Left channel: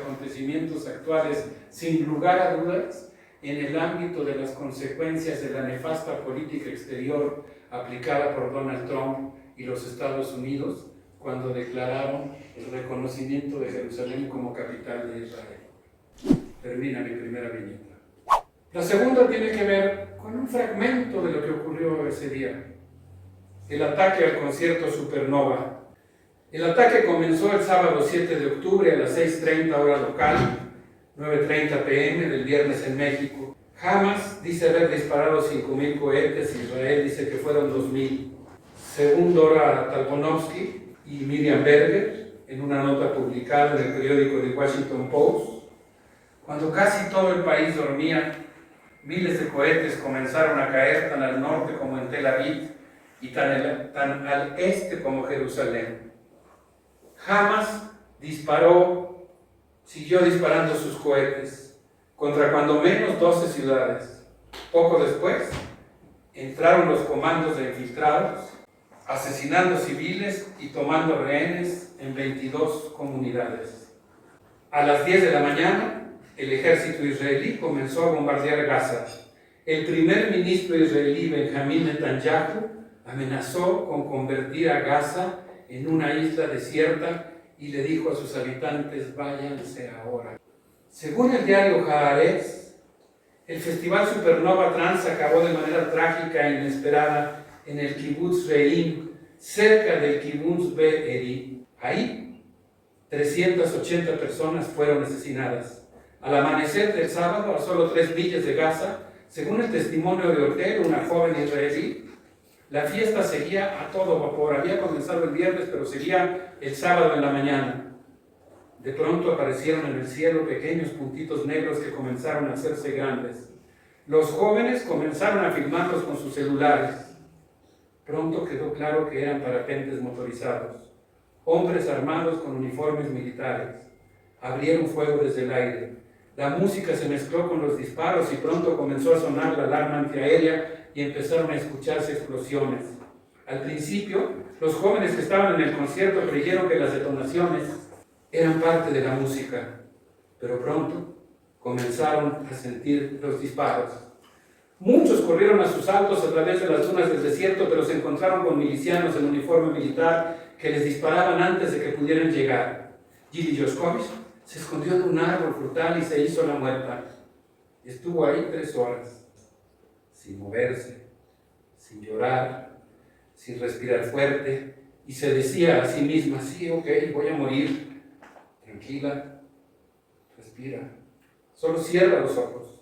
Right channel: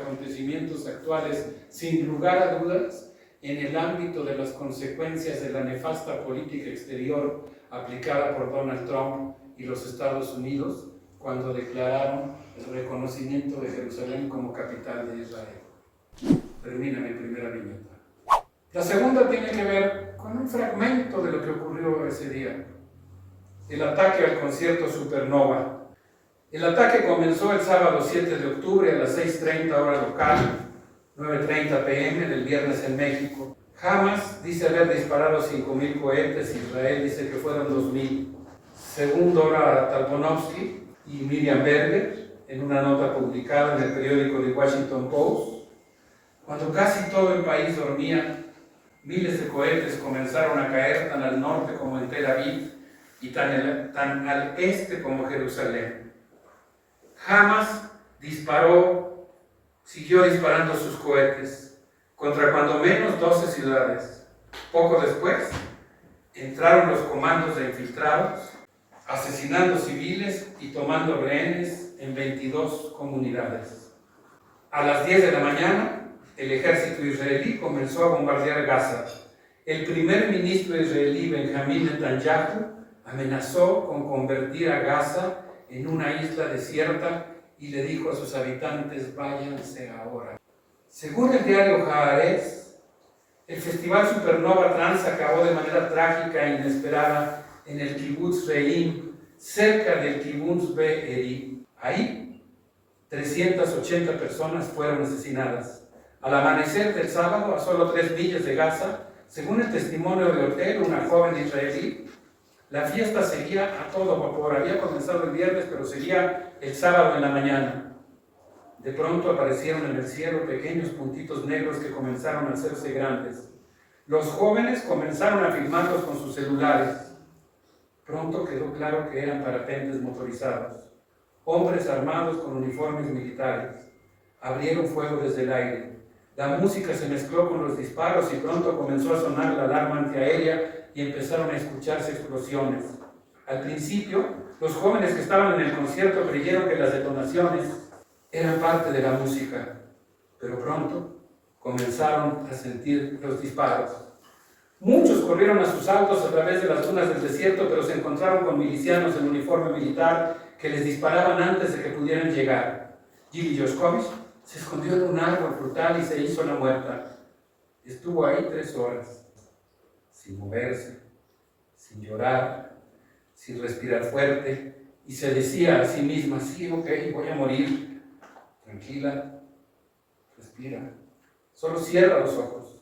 Acontecimientos actuales, sin lugar a dudas, en el ámbito de las consecuencias de la nefasta política exterior aplicada por Donald Trump y los Estados Unidos cuando declararon el reconocimiento de Jerusalén como capital de Israel. Termina mi primera viñeta. La segunda tiene que ver con un fragmento de lo que ocurrió ese día, el ataque al concierto Supernova. El ataque comenzó el sábado 7 de octubre a las 6:30 hora local, 9:30 p.m. del viernes en México. Hamas dice haber disparado 5.000 cohetes, Israel dice que fueron 2.000. Según Dora Talbonovsky y Miriam Berger, en una nota publicada en el periódico The Washington Post, cuando casi todo el país dormía, miles de cohetes comenzaron a caer tan al norte como en Tel Aviv y tan al este como Jerusalén. Hamas siguió disparando sus cohetes contra cuando menos 12 ciudades. Poco después, entraron los comandos de infiltrados, asesinando civiles y tomando rehenes en 22 comunidades. A las 10 de la mañana, el ejército israelí comenzó a bombardear Gaza. El primer ministro israelí, Benjamin Netanyahu, amenazó con convertir a Gaza en una isla desierta y le dijo a sus habitantes: váyanse ahora. Según el diario Haaretz, el festival Supernova Trans acabó de manera trágica e inesperada en el Kibbutz Re'im, cerca del Kibbutz Be'eri. Ahí, 380 personas fueron asesinadas. Al amanecer del sábado, a solo 3 millas de Gaza, según el testimonio de Ortel, una joven israelí, la fiesta seguía a todo vapor. Había comenzado el viernes, pero seguía el sábado en la mañana. De pronto aparecieron en el cielo pequeños puntitos negros que comenzaron a hacerse grandes. Los jóvenes comenzaron a filmarlos con sus celulares. Pronto quedó claro que eran parapentes motorizados. Hombres armados con uniformes militares. Abrieron fuego desde el aire. La música se mezcló con los disparos y pronto comenzó a sonar la alarma antiaérea y empezaron a escucharse explosiones. Al principio, los jóvenes que estaban en el concierto creyeron que las detonaciones eran parte de la música, pero pronto comenzaron a sentir los disparos. Muchos corrieron a sus autos a través de las dunas del desierto, pero se encontraron con milicianos en uniforme militar que les disparaban antes de que pudieran llegar. Gili Yoskovich se escondió en un árbol frutal y se hizo la muerta. Estuvo ahí 3 horas. Sin moverse, sin llorar, sin respirar fuerte, y se decía a sí misma: sí, ok, voy a morir, tranquila, respira, solo cierra los ojos.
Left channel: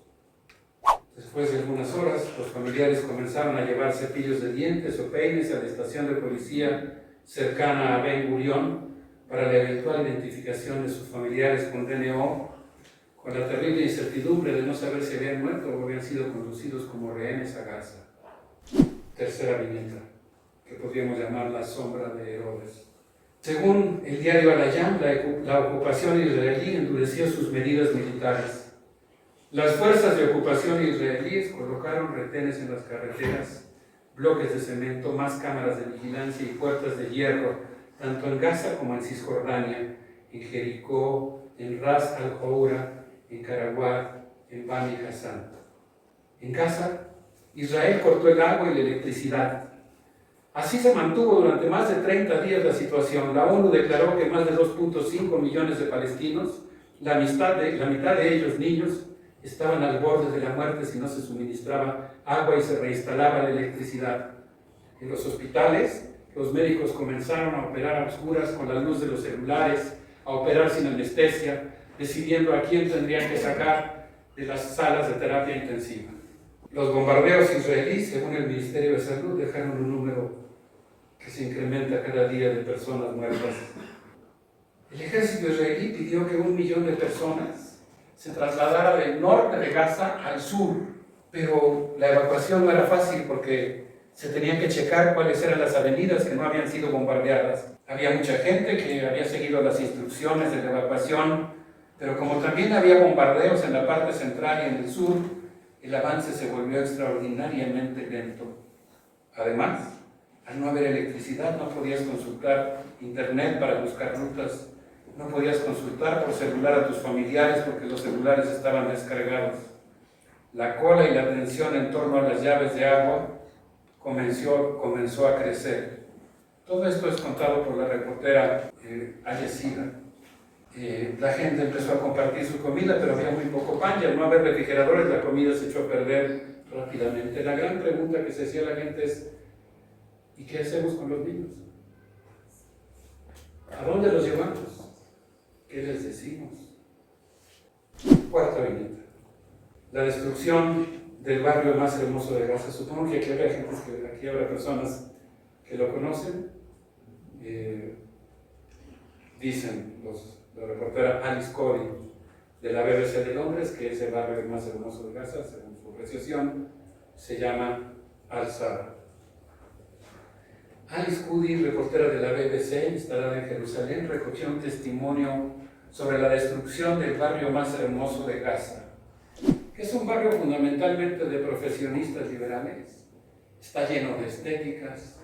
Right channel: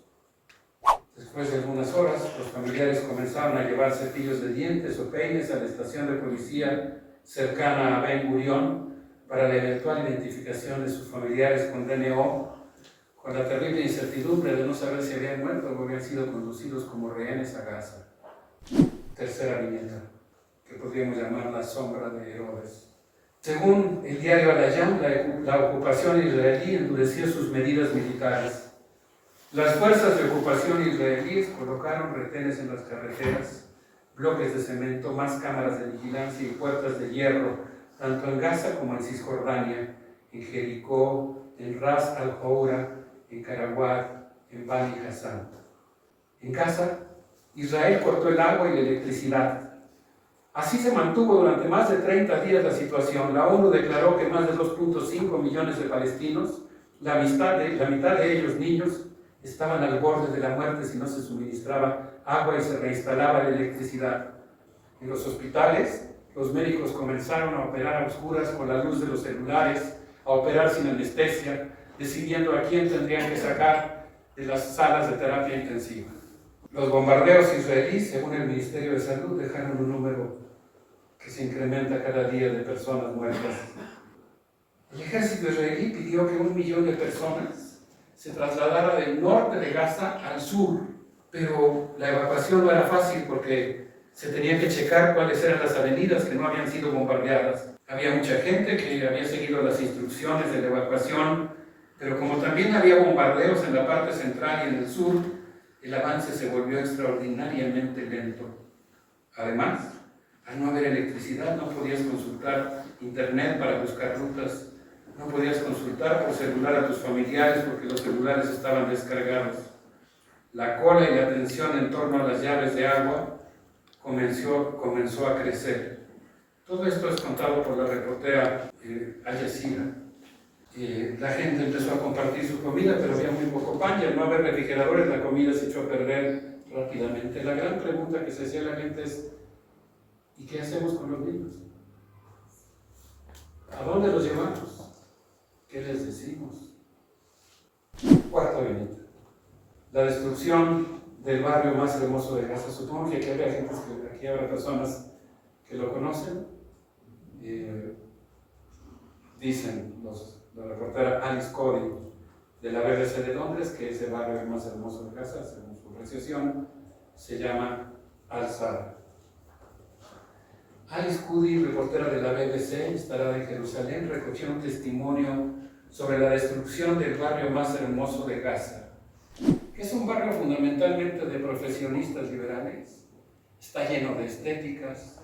Después de algunas horas, los familiares comenzaron a llevar cepillos de dientes o peines a la estación de policía cercana a Ben Gurión para la eventual identificación de sus familiares con DNO, con la terrible incertidumbre de no saber si habían muerto o habían sido conducidos como rehenes a Gaza. Tercera viñeta, que podríamos llamar la sombra de Herodes. Según el diario Al-Ayam, la ocupación israelí endureció sus medidas militares. Las fuerzas de ocupación israelíes colocaron retenes en las carreteras, bloques de cemento, más cámaras de vigilancia y puertas de hierro, tanto en Gaza como en Cisjordania, en Jericó, en Ras al-Houra, en Karawat, en Bani Hassan. En Gaza, Israel cortó el agua y la electricidad. Así se mantuvo durante más de 30 días la situación. La ONU declaró que más de 2.5 millones de palestinos, la mitad de ellos niños, estaban al borde de la muerte si no se suministraba agua y se reinstalaba la electricidad. En los hospitales, los médicos comenzaron a operar a oscuras con la luz de los celulares, a operar sin anestesia, decidiendo a quién tendrían que sacar de las salas de terapia intensiva. Los bombardeos israelíes, según el Ministerio de Salud, dejaron un número que se incrementa cada día de personas muertas. El ejército israelí pidió que 1 millón de personas se trasladara del norte de Gaza al sur, pero la evacuación no era fácil porque se tenían que checar cuáles eran las avenidas que no habían sido bombardeadas. Había mucha gente que había seguido las instrucciones de la evacuación, pero como también había bombardeos en la parte central y en el sur, el avance se volvió extraordinariamente lento. Además, al no haber electricidad, no podías consultar internet para buscar rutas. No podías consultar por celular a tus familiares porque los celulares estaban descargados. La cola y la tensión en torno a las llaves de agua comenzó a crecer. Todo esto es contado por la reportera Al Jazeera. La gente empezó a compartir su comida, pero había muy poco pan, y al no haber refrigeradores la comida se echó a perder rápidamente. La gran pregunta que se hacía la gente es: ¿y qué hacemos con los niños? ¿A dónde los llevamos? ¿Qué les decimos? Cuarta viñeta. La destrucción del barrio más hermoso de Gaza. Supongo que aquí habrá personas que lo conocen. Dicen la reportera Alice Cody de la BBC de Londres que ese barrio más hermoso de Gaza, según su apreciación, se llama Al-Sabra. Alice Cody, reportera de la BBC instalada en Jerusalén, recogió un testimonio sobre la destrucción del barrio más hermoso de Gaza, que es un barrio fundamentalmente de profesionistas liberales. Está lleno de estéticas,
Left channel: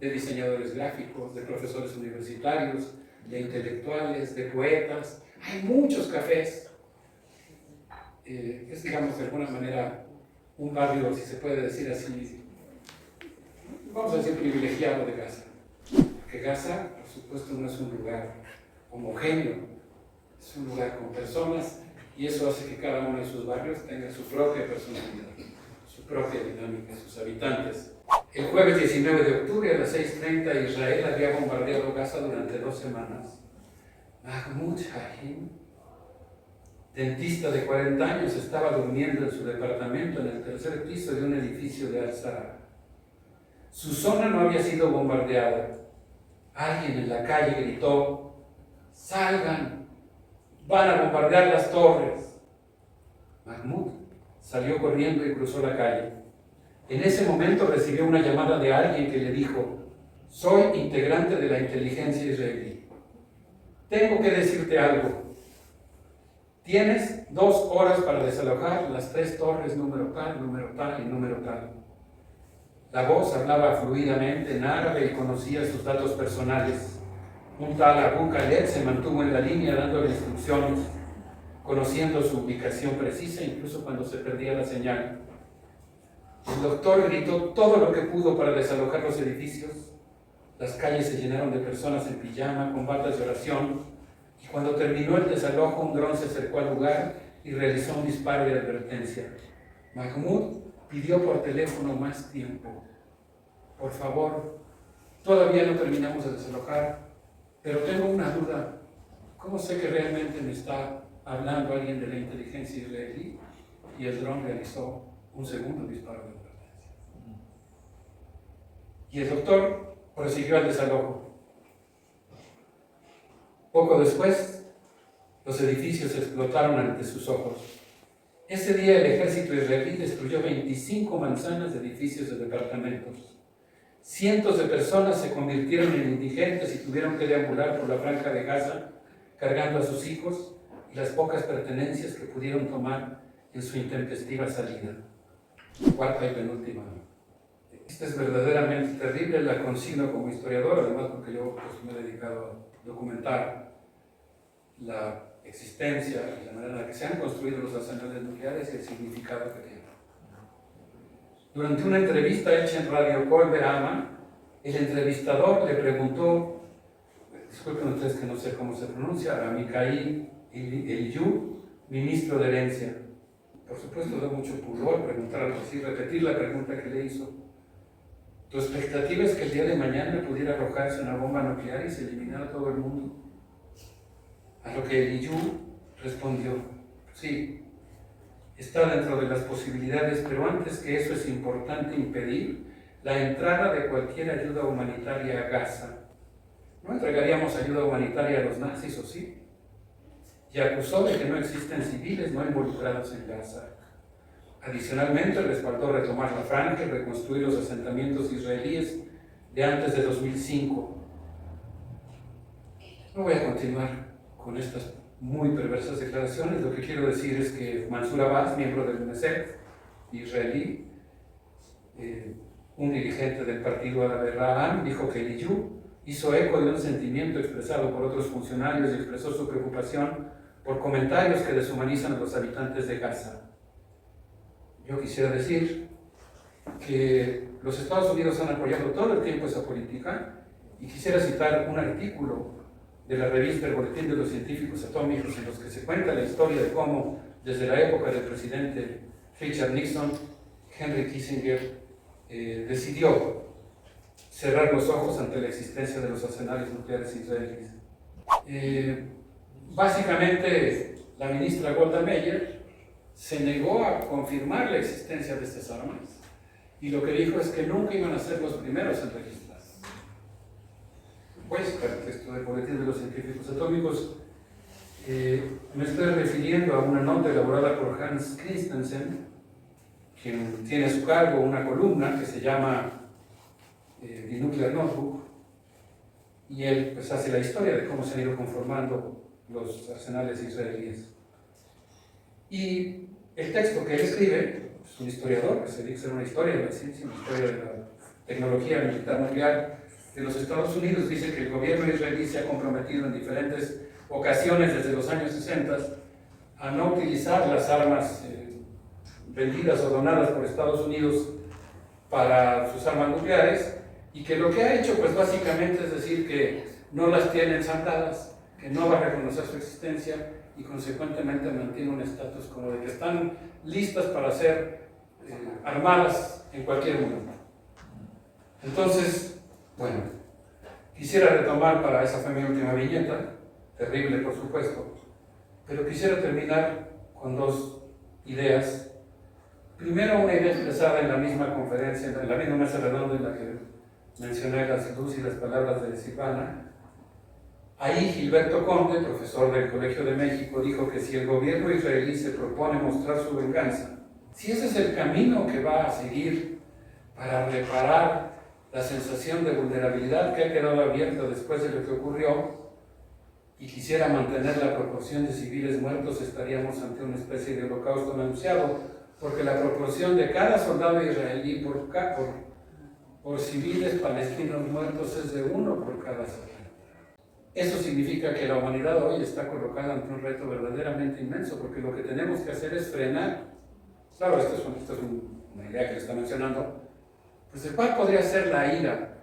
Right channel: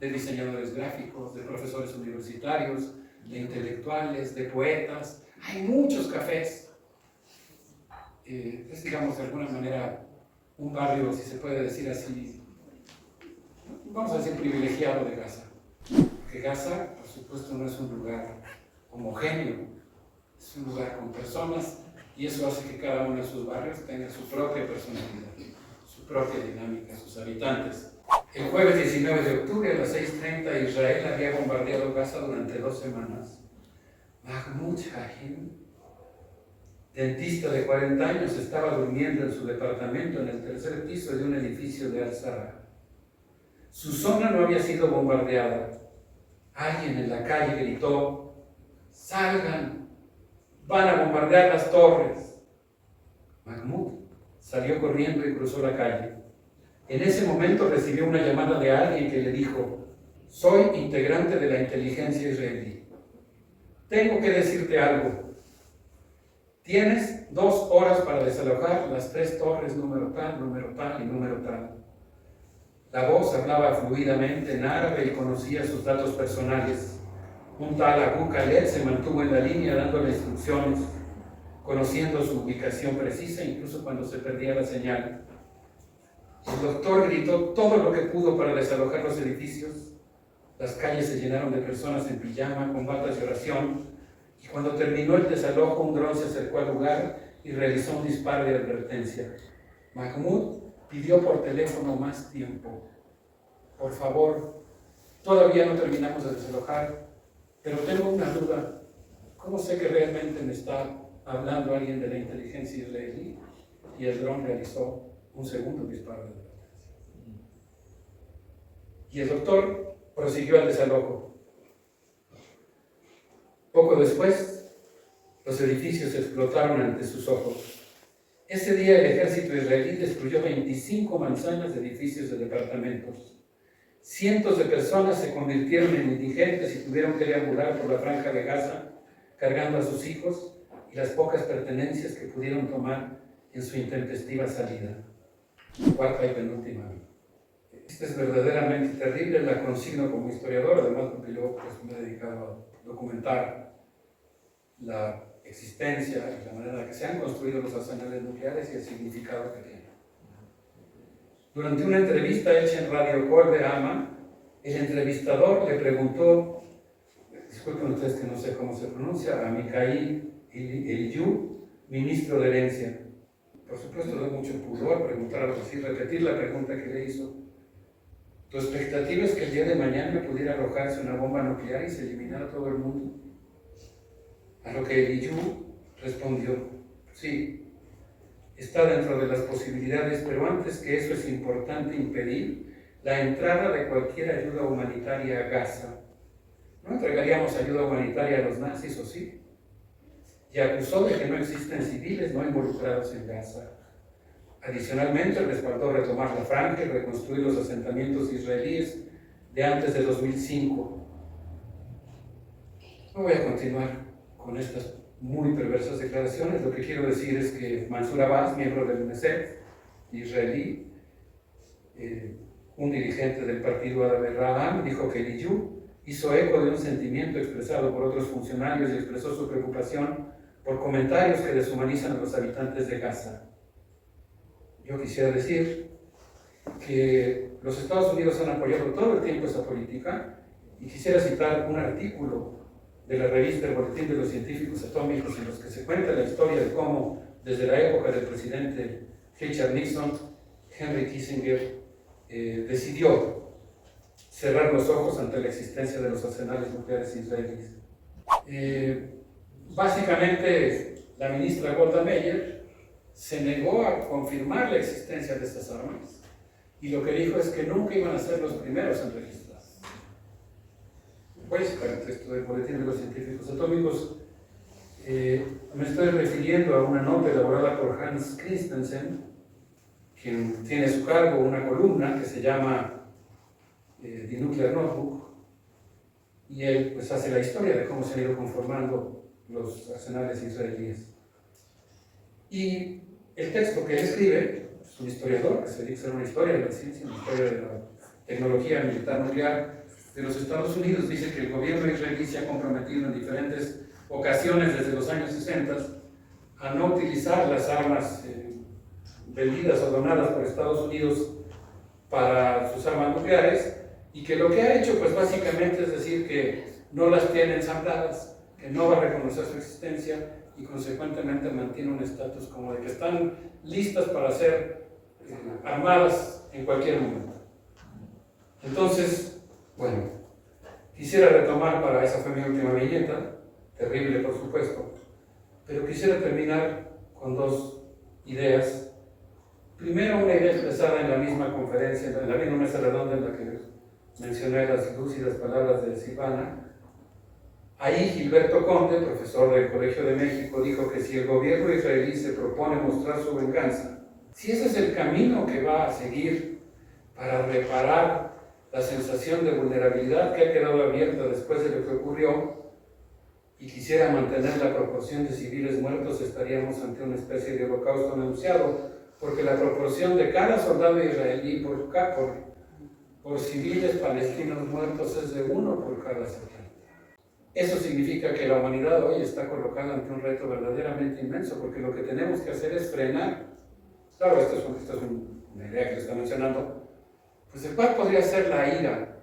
de diseñadores gráficos, de profesores universitarios, de intelectuales, de poetas. Hay muchos cafés. Es, digamos, de alguna manera un barrio, si se puede decir así, vamos a decir, privilegiado de Gaza. Porque Gaza, por supuesto, no es un lugar homogéneo, es un lugar con personas, y eso hace que cada uno de sus barrios tenga su propia personalidad, su propia dinámica, sus habitantes. El jueves 19 de octubre a las 6:30 Israel había bombardeado Gaza durante 2 semanas. Mahmoud Hahim, dentista de 40 años, estaba durmiendo en su departamento en el 3er piso de un edificio de Al-Sabra. Su zona no había sido bombardeada. Alguien en la calle gritó: ¡salgan! ¡Van a bombardear las torres! Mahmoud salió corriendo y cruzó la calle. En ese momento recibió una llamada de alguien que le dijo: soy integrante de la inteligencia israelí. Tengo que decirte algo. Tienes 2 horas para desalojar las 3 torres número tal y número tal. La voz hablaba fluidamente en árabe y conocía sus datos personales. Un tal Abu Khaled se mantuvo en la línea dándole instrucciones, conociendo su ubicación precisa incluso cuando se perdía la señal. El doctor gritó todo lo que pudo para desalojar los edificios. Las calles se llenaron de personas en pijama, con batas de oración, y cuando terminó el desalojo, un dron se acercó al lugar y realizó un disparo de advertencia. Mahmoud pidió por teléfono más tiempo. Por favor, todavía no terminamos de desalojar, pero tengo una duda. ¿Cómo sé que realmente me está hablando alguien de la inteligencia israelí? Y el dron realizó un segundo disparo de advertencia. Y el doctor prosiguió el desalojo. Poco después, los edificios explotaron ante sus ojos. Ese día el ejército israelí destruyó 25 manzanas de edificios de departamentos. Cientos de personas se convirtieron en indigentes y tuvieron que deambular por la franja de Gaza, cargando a sus hijos y las pocas pertenencias que pudieron tomar en su intempestiva salida. Cuarta y penúltima. Esta es verdaderamente terrible, la consigno como historiador, además porque yo me he dedicado a documentar la existencia y la manera en la que se han construido los arsenales nucleares y el significado que tienen. Durante una entrevista hecha en Radio Kol Be'alma, el entrevistador le preguntó, disculpen ustedes que no sé cómo se pronuncia, a Mikhail Eliyu, ministro de Herencia. Por supuesto, da mucho pudor preguntar algo así, repetir la pregunta que le hizo. ¿Tu expectativa es que el día de mañana pudiera arrojarse una bomba nuclear y se eliminara todo el mundo? A lo que Eliyu respondió: sí, está dentro de las posibilidades, pero antes que eso es importante impedir la entrada de cualquier ayuda humanitaria a Gaza. ¿No entregaríamos ayuda humanitaria a los nazis, o sí? Y acusó de que no existen civiles no involucrados en Gaza. Adicionalmente, respaldó retomar la franja y reconstruir los asentamientos israelíes de antes de 2005. No voy a continuar con estas muy perversas declaraciones. Lo que quiero decir es que Mansour Abbas, miembro del UNICEF israelí, un dirigente del partido árabe Ra'am, dijo que Eliyu hizo eco de un sentimiento expresado por otros funcionarios y expresó su preocupación por comentarios que deshumanizan a los habitantes de Gaza. Yo quisiera decir que los Estados Unidos han apoyado todo el tiempo esa política y quisiera citar un artículo de la revista El Boletín de los Científicos Atómicos en los que se cuenta la historia de cómo desde la época del presidente Richard Nixon, Henry Kissinger decidió cerrar los ojos ante la existencia de los arsenales nucleares israelíes. Básicamente, la ministra Golda Meir se negó a confirmar la existencia de estas armas y lo que dijo es que nunca iban a ser los primeros en registrar. Voy a citar el texto del Boletín de los Científicos Atómicos. Me estoy refiriendo a una nota elaborada por Hans Christensen, quien tiene a su cargo una columna que se llama The Nuclear Notebook, y él pues hace la historia de cómo se han ido conformando los arsenales israelíes. Y el texto que él escribe, es un historiador que se dedica a hacer una historia de la ciencia, una historia de la tecnología militar nuclear de los Estados Unidos, dice que el gobierno israelí se ha comprometido en diferentes ocasiones desde los años 60 a no utilizar las armas vendidas o donadas por Estados Unidos para sus armas nucleares, y que lo que ha hecho pues básicamente es decir que no las tiene ensambladas, que no va a reconocer su existencia y consecuentemente mantiene un estatus como de que están listas para ser armadas en cualquier momento. Entonces, bueno, quisiera retomar, para esa fue mi última viñeta, terrible por supuesto, pero quisiera terminar con dos ideas. Primero, una idea expresada en la misma conferencia, en la misma mesa redonda en la que mencioné las lúcidas palabras de Silvana. Ahí Gilberto Conde, profesor del Colegio de México, dijo que si el gobierno israelí se propone mostrar su venganza, si ese es el camino que va a seguir para reparar la sensación de vulnerabilidad que ha quedado abierta después de lo que ocurrió, y quisiera mantener la proporción de civiles muertos, estaríamos ante una especie de holocausto anunciado, porque la proporción de cada soldado israelí por civiles palestinos muertos es de 1 por cada 70. Eso significa que la humanidad hoy está colocada ante un reto verdaderamente inmenso, porque lo que tenemos que hacer es frenar. Claro, esto es una idea que le está mencionando, pues el cual podría ser la ira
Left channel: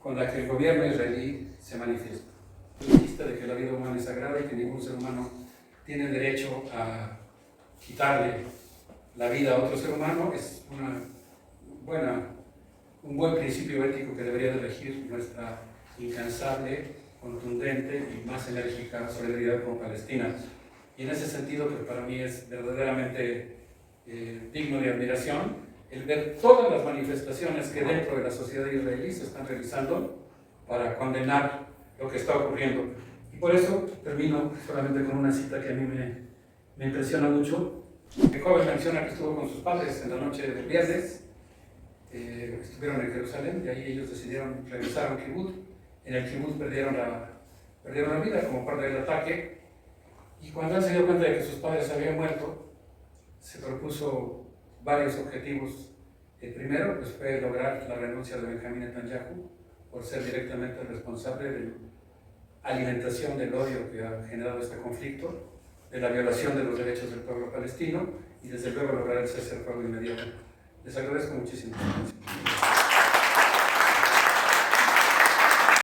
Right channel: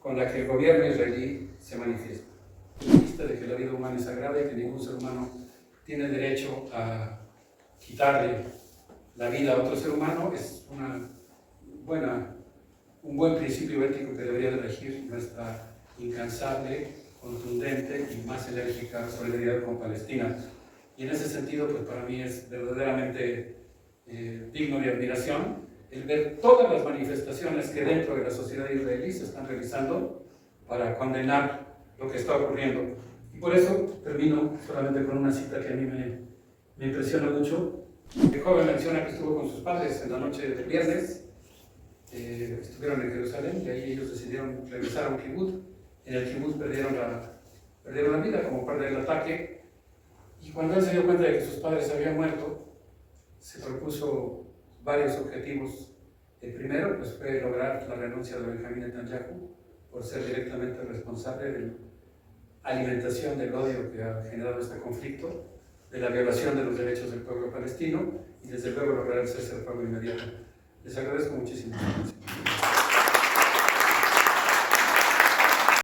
con la que el gobierno israelí se manifiesta. La vista de que la vida humana es sagrada y que ningún ser humano tiene derecho a quitarle la vida a otro ser humano es un buen principio ético que debería de regir nuestra incansable, contundente y más enérgica solidaridad con Palestina. Y en ese sentido, pues para mí es verdaderamente digno de admiración el ver todas las manifestaciones que dentro de la sociedad israelí se están realizando para condenar lo que está ocurriendo. Y por eso termino solamente con una cita que a mí me impresiona mucho. El joven menciona que estuvo con sus padres en la noche del viernes, estuvieron en Jerusalén y ahí ellos decidieron regresar a un kibutz. En el kibutz perdieron la vida como parte del ataque, y cuando él se dio cuenta de que sus padres habían muerto, se propuso varios objetivos. El primero pues, fue lograr la renuncia de Benjamín Netanyahu por ser directamente responsable de la alimentación del odio que ha generado este conflicto, de la violación de los derechos del pueblo palestino y desde luego lograr el cese al fuego inmediato. Les agradezco muchísimo.